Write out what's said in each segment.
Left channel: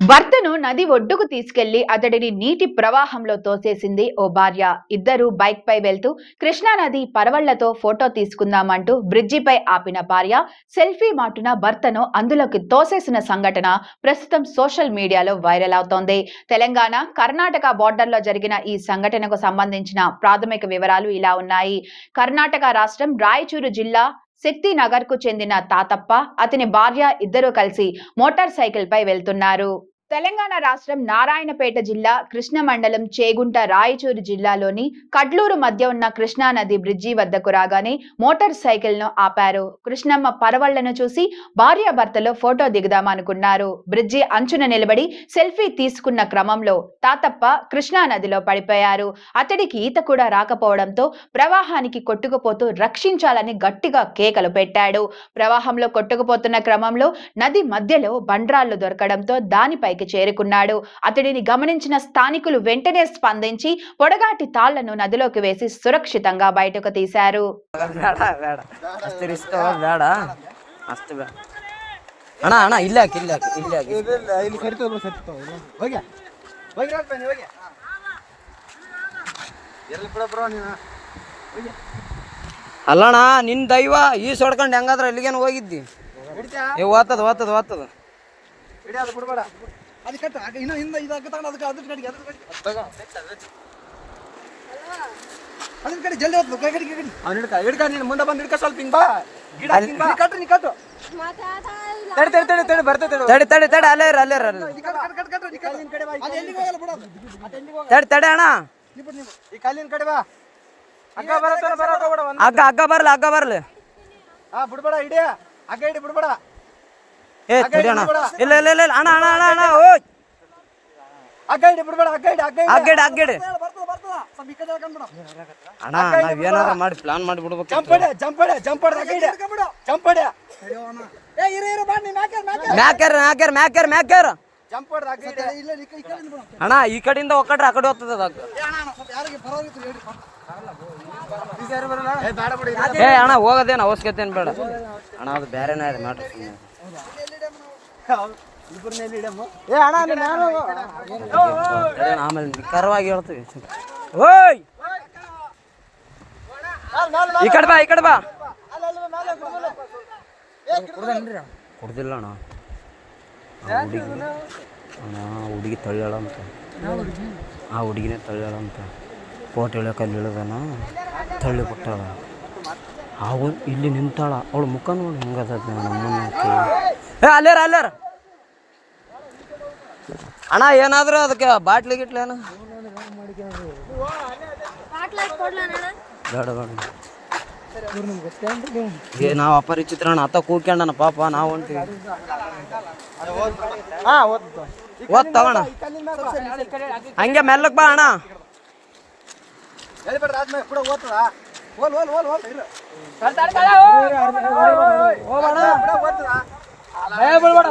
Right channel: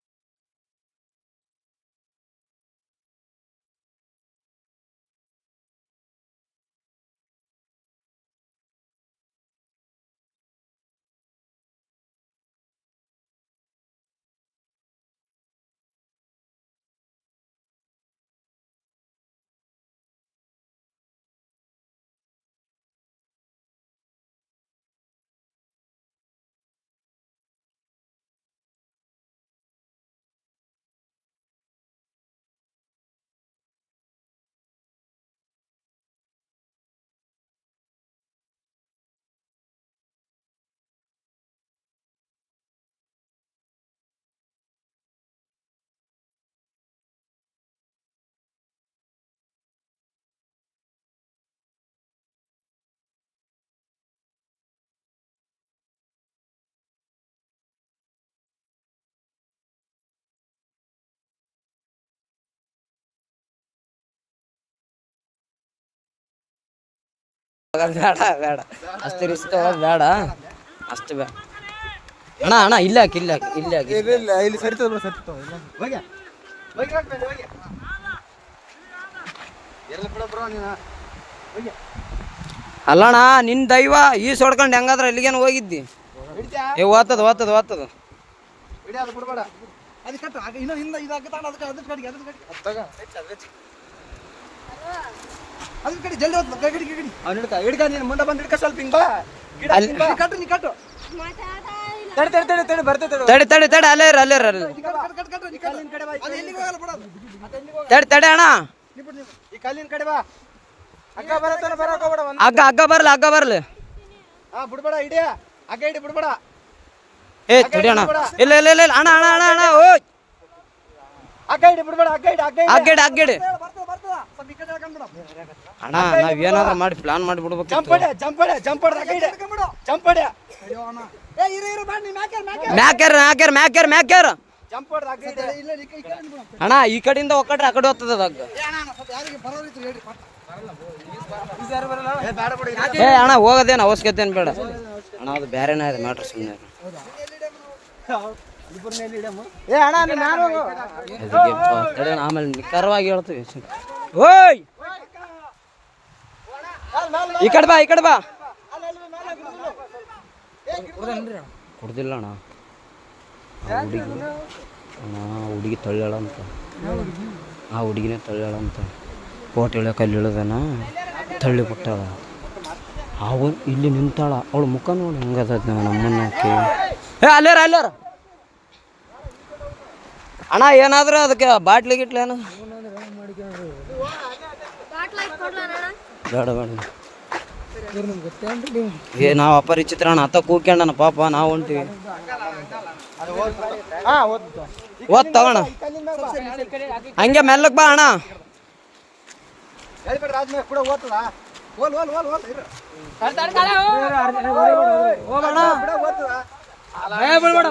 భర్తను నది ఒడ్డుకు తీసుకెళ్లి అతడిని నీటి ప్రవాహంలో తోసేసింది ఓ భార్య. ఇద్దరు బైక్ పై వెళ్తూ కృష్ణానది పరవళ్లతో ఫోటో తీసుకుందామంటూ బ్రిడ్జిపై ఆపిన భార్య సెల్ఫీ మాటున భర్తను అందులోకి తోసేసిన సంఘటన ప్రస్తుతం సోషల్ మీడియాలో వైరల్ అవుతోంది. తెలంగాణ కర్ణాటక బోర్డర్లో జరిగిన ఈ సంఘటనకు సంబంధించిన ప్రాథమిక వివరాలు ఇలా ఉన్నాయి. కర్ణాటక రాష్ట్రం రాయచూరు జిల్లా శక్తినగర్ కు చెందిన తాతప్ప, అతని భార్య ఇద్దరూ కలిసి మోటార్ సైకిల్ పై వెళ్తున్నారు. తెలంగాణ రాష్ట్రం నారాయణపేట జిల్లా కృష్ణ మండలం చేగుంట రాయచూరు జిల్లాలోని కడ్లూరు మధ్య ఉన్న కృష్ణా నది బ్రిడ్జి వద్దకు రాగానే మోటార్ సైకిల్ ను ఆపారు. కృష్ణమ్మ పరవళ్లను చూసి భార్యాభర్తలు ఫోటో దిగుదామనుకున్నారు. బ్రిడ్జి అంచున నిలబడి సెల్ఫీ తీసుకున్న క్రమంలో తాతప్ప కృష్ణా నదిలో పడిపోయారు. అతడికి ఈత కూడా రాకపోవడంతో ప్రవాహానికి కొట్టుకుపోతూ రక్షించాలని గట్టిగా కేకలు పెట్టాడు. ప్రవాహంలో కొట్టుకుపోతున్న క్రమంలో నది మధ్యలో బండ్రాళ్లు దొరకడంతో దానిపై చేరుకున్నాడు. అతడిని గమనించిన స్థానికులు వెంటనే స్పందించి పొడగాటి తాళ్లను నదిలోకి వేసి సురక్షితంగా బయటకు తీశారు. ಅಲ್ಲಣ್ಣ ನಿನ್ ದೈವ ಈ ಸೊಡ್ಕೊಂಡು ಹೆಂಗಾದ್ರ ಎಲ್ಲಿಗೇನು ಹೋಗಿದ್ದಿ? ಓದ್ತದ ಓದ್ತದ ಓದ್ತದ అది కట్టు ఇన్న ఇన్న ఇది అగ్గతాడు ಅದಕ್ಕೆ ಅದಕ್ಕೆ ಕಡಿಗೆ ಅದಕ್ಕೆ ಕಡಿ ಜಲ್ದಿ ಹೋಗ್ತು ಕಡಿ ಕಡಿ ಅವನು ಹಿಡ್ಕ ನೀನು ಮುಂದೆ ಬಂದು ಹಿಡ್ಕ ಸ್ವಲ್ಪ ಹಿಂಗ್ ಬಾ ಗಿಡ ಹಿಂಗ್ ಬಾ ಕಟ್ಟು ನೀ ಕಟ್ಟು ತಡಿ ತಡಿ ತಡಿ ತಡಿ ಬರ್ತೈತೆ ತಡಿ ತಡಿ ತಡಿ ಅಲ್ಲೇ ಇರ ಅಲ್ಲೇ ಇರ ಕಟ್ ಕಟ್ ಕಟ್ ಕಲ್ಲಿನ ಕಡೆ ಬಾ ಅಲ್ಲಿ ಎಲ್ಲಿಗೆ ಹೋಗಲ್ಲ ಬಿಡು ತಡಿ ತಡಿ ಅಣ್ಣ ಈ ಕಲ್ಲಿನ ಕಡೆ ಬಾ ಅಗ್ಗ ಬರತ್ತಲ್ಲ ಬರಕ ಹೋಗಬೇಡ ಅಗ್ಗ ಬರಲ್ಲ ಹಾ ಬಿಡಬೇಡ ಇಡಿ ಅಗ್ಗ ಇಡಿ ಬಿಡಬೇಡ ಏ ತಡಿ ಅಣ್ಣ ಇಲ್ಲ ಇಲ್ಲ ಇಲ್ಲ ಅಣ್ಣ ಅಣ್ಣ ಅಣ್ಣ ಅಣ್ಣ ಓಯ್ ಅಗ್ಗ ಇಡಿ ಬಿಡಬೇಡ ಅಗ್ಗ ಇಡಿ ಬರ್ತದ ಬರ್ತದ ಸ್ವಲ್ಪ ಈ ಕಡೆ ಹಾಕೊಂಡು ಬಿಡು ಅಣ್ಣ ನಾವು ಏನಾದರೂ ಮಾಡಿ ಪ್ಲಾನ್ ಮಾಡಿ ಬಿಡಬೇಕು. ಜಂಪ್ ಹೊಡೆ ಅಗ್ಗ ಇಡಿ ಜಂಪ್ ಹೊಡೆ ಏ ಇರು ಬಾ ನೀ ಮ್ಯಾಕರ್ ಜಂಪ್ ಹೊಡೆ ಅಗ್ಗ ಇಡಿ ಇಲ್ಲ ಈ ಕಡೆ ಬಿಡು ಅಣ್ಣ ಈ ಕಡೆಯಿಂದ ಒಕ್ಕಟ್ರೆ ಆ ಕಡೆ ಹೋಗ್ತದೆ ಅದು ಅಗ್ಗ ಏ ಅಣ್ಣ ಸ್ವಲ್ಪ ಯಾರಿಗೆ ಬರೋರಿತ್ತು ಹೇಳಿ ಬರಲ್ಲ ಏ ಬೇಡ ಬಿಡು ಏ ಅಣ್ಣ ಹೋಗೋದೇನು ಅವಶ್ಯಕತೆ ಏನು ಬೇಡ ಅಣ್ಣ ಅದು ಬೇರೆನೇ ಇದೆ ಮ್ಯಾಟ್ರ್ ಸುಮ್ಮನೆ ಆಮೇಲೆ ನಿಖರವಾಗಿ ಹೇಳ್ತೀವಿ. ಓಯ್ ಈ ಕಡೆ ಬಾ ಕುಡ್ದಿಲ್ಲ ಅಣ್ಣ ಹುಡುಗಿ ತಳ್ಳ್ಯಾಳ ಅಂತ ಆ ಹುಡುಗಿನೇ ತಳ್ಳ್ಯಾಳ ಅಂತ ಕೋಟೆ ಇಳಿಯೋಕೆ ಅಲ್ಲಿ ಇಳಿದಾನ ತಳ್ಳಿ ಬಿಟ್ಟಾಳ. ಅವಳು ಇಲ್ಲಿ ನಿಂತಾಳ, ಅವಳು ಮುಖ ನೋಡಿ ಹೆಂಗದ ನಮ್ಮನ್ನಕ್ಕೆ ಅಲ್ಲಾರ ಅಣ್ಣ ಏನಾದರೂ ಅದಕ್ಕೆ ಬಾಟ್ಲಿ ಗಿಟ್ಲಿ ಏನು ಬೇಡ ಏ ನಾವು ಅಪರಿಚಿತ್ರ ಅಣ್ಣ ಅತ್ತ ಕೂಕ್ಯಂಡನ ಪಾಪ ನಾವು ಹೊಂಟಿವಿ ಓದ್ ತಗೋಣ ಹಂಗೆ ಮೆಲ್ಲಕ್ ಬಾ ಅಣ್ಣ ಭಯ ಬೀಳ್ಬೇಡ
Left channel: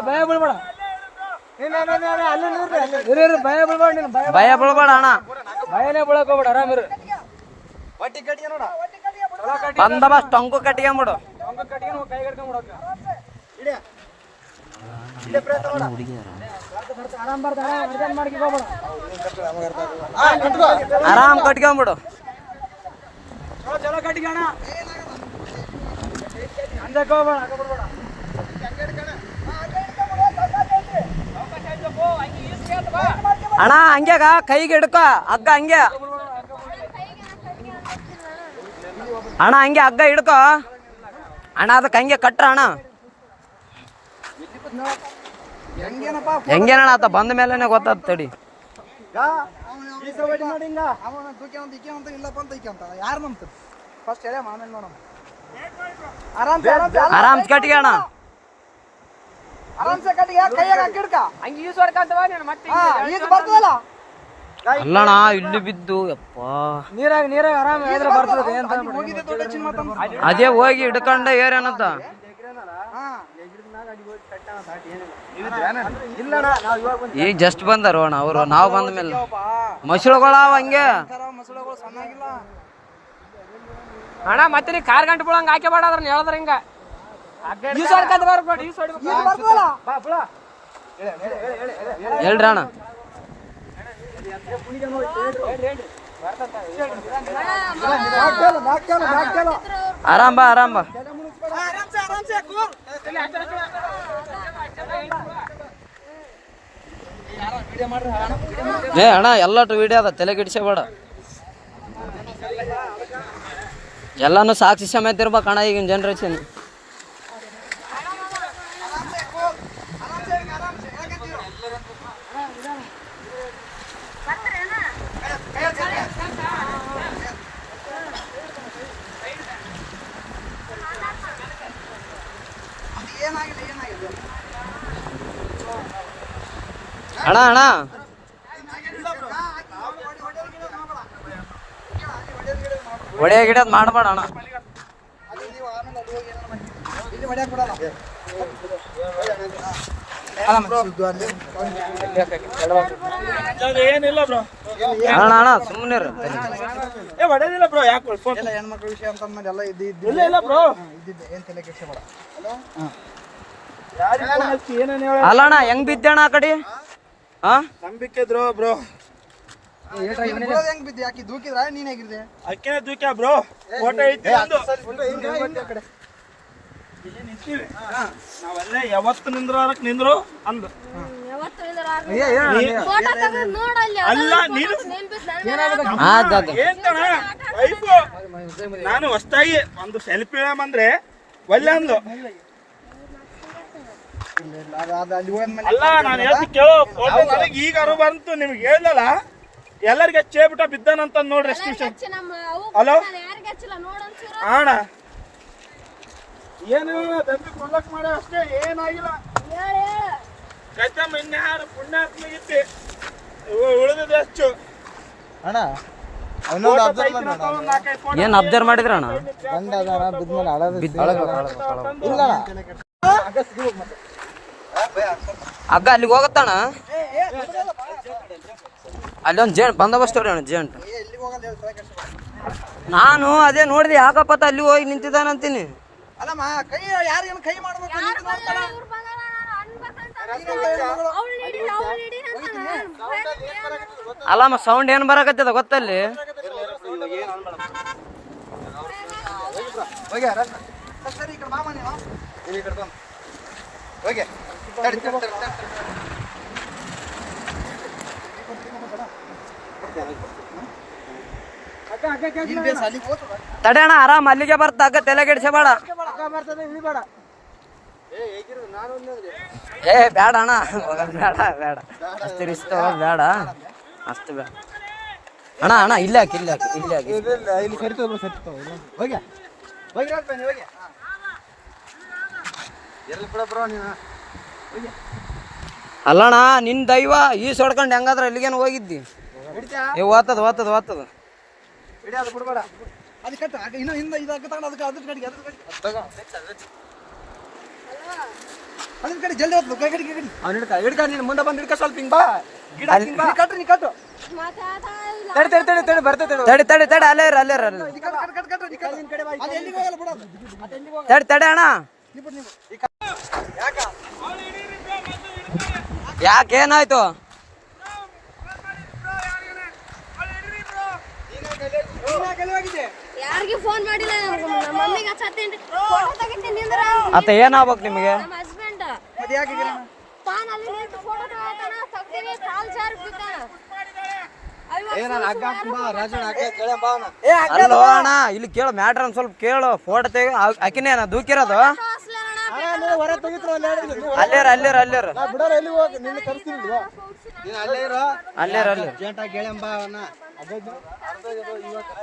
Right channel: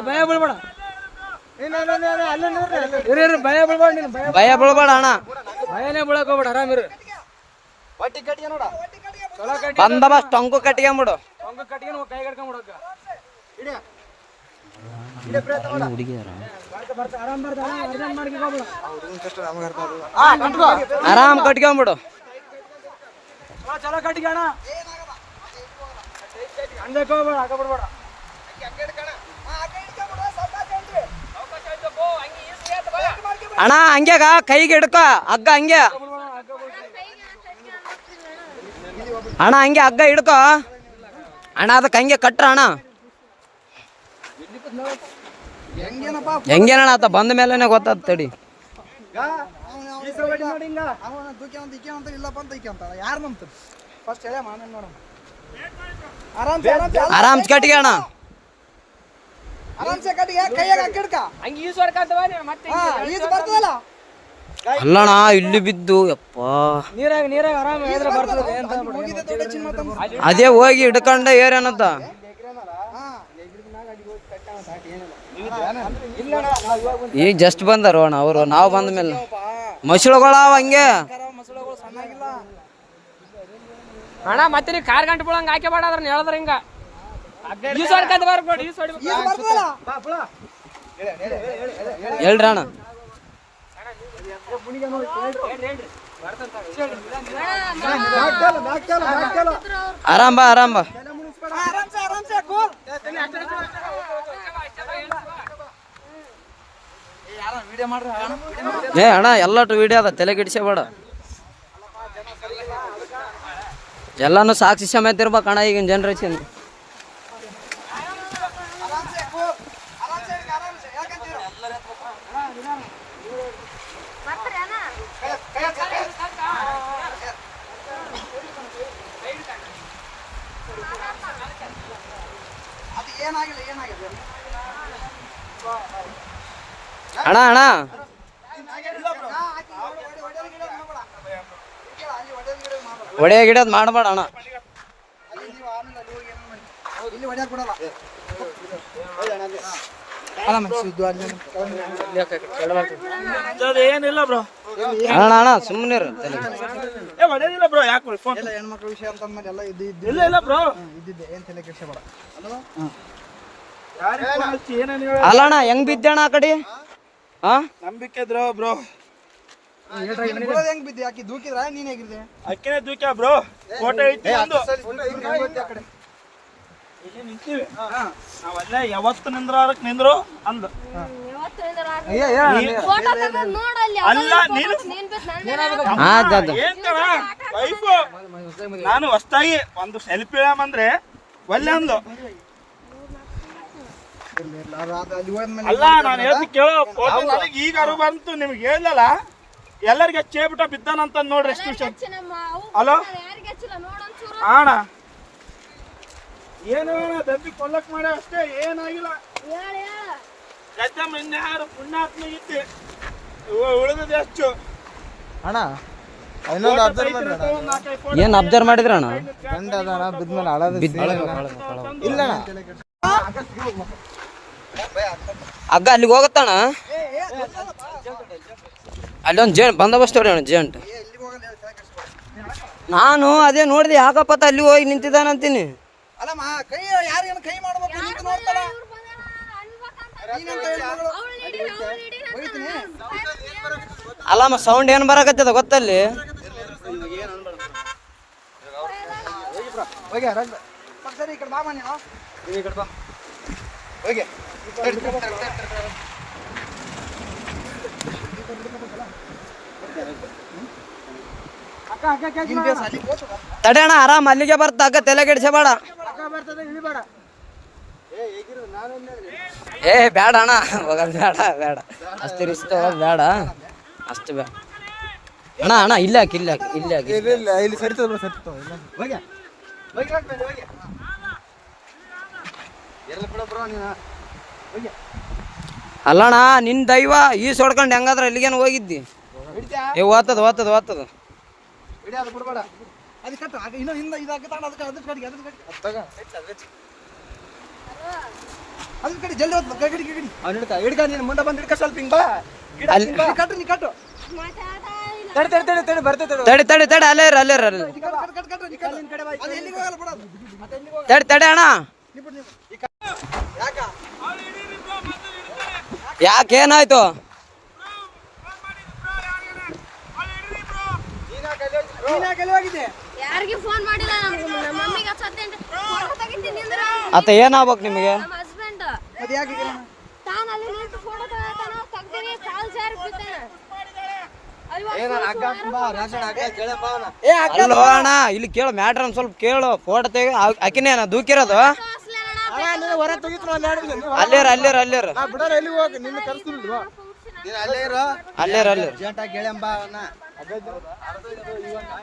ಅಣ್ಣ ಭಯನೇ ಬೀಳಕ್ ಹೋಗ್ಬೇಡ ಆರಾಮ್ರಿ ಬಂದೋಬಸ್ತ್ ಟೊಂಕು ಕಟ್ಕೊಂಬಿಡು ಆರಾಮ್ ಕಟ್ಕೊಂಬಿಡು ಚಲೋ ಕಟ್ಕೋಣ ಅಣ್ಣ ಹಂಗ್ಯಾಗ ಕೈಗೆ ಹಿಡ್ಕ ಹಗ್ಗ ಹಂಗೆ ಅಣ್ಣ ಹಂಗೆ ಹಗ್ಗ ಹಿಡ್ಕೊ ಅಣ್ಣ ಅದಕ್ಕೆ ಹಂಗೆ ಕಟ್ರ ಅಣ್ಣ ಹೆಂಗೇನಣ್ಣ ಆತ ಬಂದ ಮೇಲೆನೆ ಗೊತ್ತಾದ ತಡಿ ಆರಾಮ್ ಕಟ್ಟಿಗೆ ಅಣ್ಣ ಅಲ್ಲಣ್ಣ ಇಲ್ಲಿ ಬಿದ್ದು ಯಪ್ಪ ನೀರಾಗ ಆರಾಮ ಅದೇ ಹೋಗಿ ಹಿಡ್ಕೊಂಡ ಏರೇನಂತ ಈಗ ಜಸ್ಟ್ ಬಂದಾರ ಅಣ್ಣ ಅವರು ನಾವು ಬಂದ ಮೇಲೆ ಮಸಳುಗಳ ಹಂಗೆ ಅಣ್ಣ ಮತ್ತೆ ನೀ ಕಾರ್ ಗಂಟೆ ಬಿಡಂಗ ಹಾಕಿ ಬೇಡ ಅದ್ರ ಹೇಳಿದ್ರ ಹಿಂಗ ಹೇಳ್ರಿ ಅಣ್ಣ. ಆರಾಮ್ ಬಾ ಆರಾಮ್ ಬಾ. ಏ ಅಣ್ಣ ಎಲ್ಲಟು ವಿಡಿಯೋ ಅದ, ತಲೆ ಕೆಡಿಸಬೇಡ. ಎಲ್ಲಾನು ಸಾಕ್ಷಿ ಸಮೇತ ಇರ್ಬೇಕಣ್ಣ ಈಗಿನ ಜನ್ರೇಷನ್. ಅಣ್ಣ ಅಣ್ಣ ಒಡೆಯ ಗಿಡದ್ ಮಾಡಬೇಡ ಅಣ್ಣ. ಏನಿಲ್ಲ ಬ್ರೋ, ಅಣ್ಣ ಅಣ್ಣ ಸುಮ್ಮನೆ ಹೊಡೆದಿಲ್ಲ ಬ್ರೋ. ಯಾಕೆ ಹೆಣ್ಮಕ್ಳ ವಿಷಯ ಅಂತ ಎಲ್ಲ ಇಲ್ಲ ಇಲ್ಲ ಬ್ರೋ, ಇದ್ದಿದ್ದೆ ಏನ್ ತಲೆ ಕೆಡಿಸಬೇಡ. ಏನೇನು ಅಲ್ಲ ಅಣ್ಣ ಹೆಂಗ್ ಬಿದ್ದಣ್ಣ ಆ ಕಡೆ? ಹಾ ನಂಬಿಕೆ ಇದ್ರು ಬ್ರೋ. ಹೆಂಗ್ ಬಿದ್ದೆ? ಯಾಕೆ ದೂಕಿದ್ರ ನೀನ್ ಹೇಗಿದ್ದೆ? ಅಕ್ಕೇನೆ ದೂಕ್ಯ ಬ್ರೋ. ಫೋಟೋ ಐತಿ ನಿಂತೀವಿ ನಾವಲ್ಲೇ ಯಾವತ್ತು ನಿಂದ್ರಕ್ ನಿಂದ್ರು ಅಂದು. ಅಲ್ಲ ನೀನು ಏನ್ ವೈಫು ನಾನು ಹೊಸ್ತಾಗಿ ಒಂದು ಸೆಲ್ಫಿ ಇಳಂದ್ರೆ ಒಲ್ಲೆ ಅಂದು. ಅಲ್ಲಿ ಹೋದ್ಮೇಲೆ ಅಲ್ಲ ನಾನು ಹೇಳ್ತಿ ಕೇಳೋ, ಫೋಟೋ ನನಗೆ ಈಗ ಅರು ಬಂತು, ನಿಮ್ಗೆ ಹೇಳಲ್ಲ ಎಲ್ಲರಿಗೆ ಚೇಬಿಟ ಬಿದ್ದಾನಂತ ನೋಡ್ರಿ. ಎಷ್ಟು ಹಲೋ ಅಣ್ಣ, ಏನು ದಬ್ಬಿ ಕೊಲ್ಲಕ್ ಮಾಡ ಅಷ್ಟೇ, ಏನಾಗಿಲ್ಲ. ಕಚ್ಚಮ್ಮ ಇನ್ಯಾರು ಪುಣ್ಯಾತ್ಮ ಇತ್ತಿ ಉಳಿದಿದೆ ಅಷ್ಟು. ಅಣ್ಣ ಏನ್ ಅಬ್ಸರ್ವ್ ಮಾಡಿದ್ರ ಅಣ್ಣ? ಇಲ್ಲ ಹಗ್ಗ ಅಲ್ಲಿಗೆ ಹೋಗತ್ತಣ್ಣ. ಅಲ್ಲೊಂದು ಜೇಂಟ್ ಬಂದೋಬಸ್ತ್ ಅವ್ರಿ ಅಣ್ಣ, ಜೇಂಟ್. ನಾನು ಅದೇ ನೋಡಿದೆ, ಯಾಕಪ್ಪತ್ತ ಅಲ್ಲಿ ಹೋಗಿ ನಿಂತಿದ್ದಾನಂತೀನಿ. ಅಲ್ಲಮ್ಮ ಕೈ ಯಾರೇನು ಕೈ ಮಾಡ್ಬೇಕು ನಿಂತು ನೋಡ್ತಾರ. ಅಲ್ಲಮ್ಮ ಸೌಂಡ್ ಏನ್ ಬರಕತ್ತದ ಗೊತ್ತಲ್ಲಿ? ಹೋಗ್ಯ ಸರಿ ಈ ಕಡೆ ಬಾಮ ನೀನು ಈ ಕಡೆ ಬಂದು ಹೋಗ್ಯ ತಡೆ ಅಣ್ಣ, ಆರಾಮ್ ಅಲ್ಲಿಗೆ ಬರ್ತ ಹಗ್ಗ, ತಲೆ ಕೆಡಿಸಬೇಡ. ಏ ಬೇಡ ಅಣ್ಣ, ಬೇಡ ಬೇಡ, ಅಷ್ಟು ರಿಸ್ಕ್ ಬೇಡ, ಅಷ್ಟು ಬೇಡ ಅಣ್ಣ. ಅಣ್ಣ ಇಲ್ಲ ಹಾಕಿ, ಇಲ್ಲ ಹಾಕಿ, ಇಲ್ಲ ಹಾಕಿ. ಇಲ್ಲಿ ಸರಿತದ ಸರಿತವ ಹೋಗ್ಯ ಹೋಗ್ಯ ಹೋಗ್ಯ ಎಲ್ಲ ಕೂಡ ಬ್ರೋ ನೀನು ಹೋಗ್ಯ. ಅಲ್ಲಣ್ಣ ನಿನ್ ದೈವ ಈ ಸೊಡ್ಕೊಂಡು ಹೆಂಗಾದ್ರೆ ಎಲ್ಲಿಗೇನು ಹೋಗಿದ್ದಿ? ಏ ಓದ್ತದ ಓದ್ತದ ಓದ್ತದ. ಅದು ಬಿಡ್ಬೇಡ, ಅದು ಕಟ್ಟು ಇನ್ನೂ ಹಿಂದೆ ಇದಾಕ ತಗೊಂಡು ಅದಕ್ಕೆ ಅದ್ರ ಕಡೆಗೆ ಅದ್ರ ಕಡೆಗೆ ಅದ್ರ ಕಡೆ ಜಲ್ದಿ ಹೋಗ್ತು ಕಡಿ ಕಡಿ ಅವ್ನು ಹಿಡ್ಕ ನೀನು ಮುಂದೆ ಬಂದು ಹಿಡ್ಕ ಸ್ವಲ್ಪ ಹಿಂಗ್ ಬಾ. ಗಿಡ ಕಟ್ರಿ ನೀ ಕಟ್ಟು ತಡಿ ತಡಿ ತಡಿ ತಡಿ ಬರ್ತೈತೆ. ತಡಿ ತಡಿ ತಡಿ, ಅಲ್ಲೇ ಇರ ಅಲ್ಲೇ ಇರ. ಕಟ್ ನಿನ್ ಕಡೆ ಬಾ. ಅದು ಎಲ್ಲಿಗೆ ಹೋಗಲ್ಲ ಬಿಡೋದು. ಮತ್ತೆ ಎಲ್ಲಿಗೆ ಹೋಗಲ್ಲ. ತಡಿ ತಡಿ ಅಣ್ಣ, ಯಾಕ ಯಾಕೇನಾಯ್ತು? ಯಾರಿಗೆ ಫೋನ್ ಮಾಡಿಲ್ಲ, ನಮ್ಮ ಮಮ್ಮಿಗೆ ಹಚ್ಚತ್ತೇನ್ರಿ, ಫೋಟೋ ತೆಗಿತೀನಿ ಅಂದ್ರೆ ಅತ್ತ ಏನಾಗ್ಬೇಕು ನಿಮಗೆ? ನಮ್ಮ ಹಸ್ಬೆಂಡ್ ಮತ್ತೆ ಯಾಕೆ ತಾನು ಅಲ್ಲಿ ನಿಂತು ಫೋಟೋ ತಗೋತಾನ, ತೆಗ್ದಿನಿ ಕಾಲ್ ಜಾರಿ ಬಿದ್ದಾನ. ಅಲ್ಲೋ ಅಣ್ಣ, ಇಲ್ಲಿ ಕೇಳು ಮ್ಯಾಟ್ರ್ ಒಂದು ಸ್ವಲ್ಪ ಕೇಳು. ಫೋಟೋ ತೆಗಿ, ಆಕಿನೇ ದೂಕಿರೋದು. ಅಲ್ಲೇರ ಅಲ್ಲೇರ ಅಲ್ಲೇರ ಅಲ್ಲೇರ ಅಲ್ಲೇರ.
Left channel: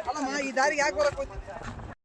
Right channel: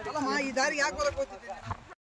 ಅಲ್ಲಮ್ಮ ಈ ದಾರಿಗೆ ಯಾಕೆ ಬರಕ್ ಹೋಗ್ತಿ?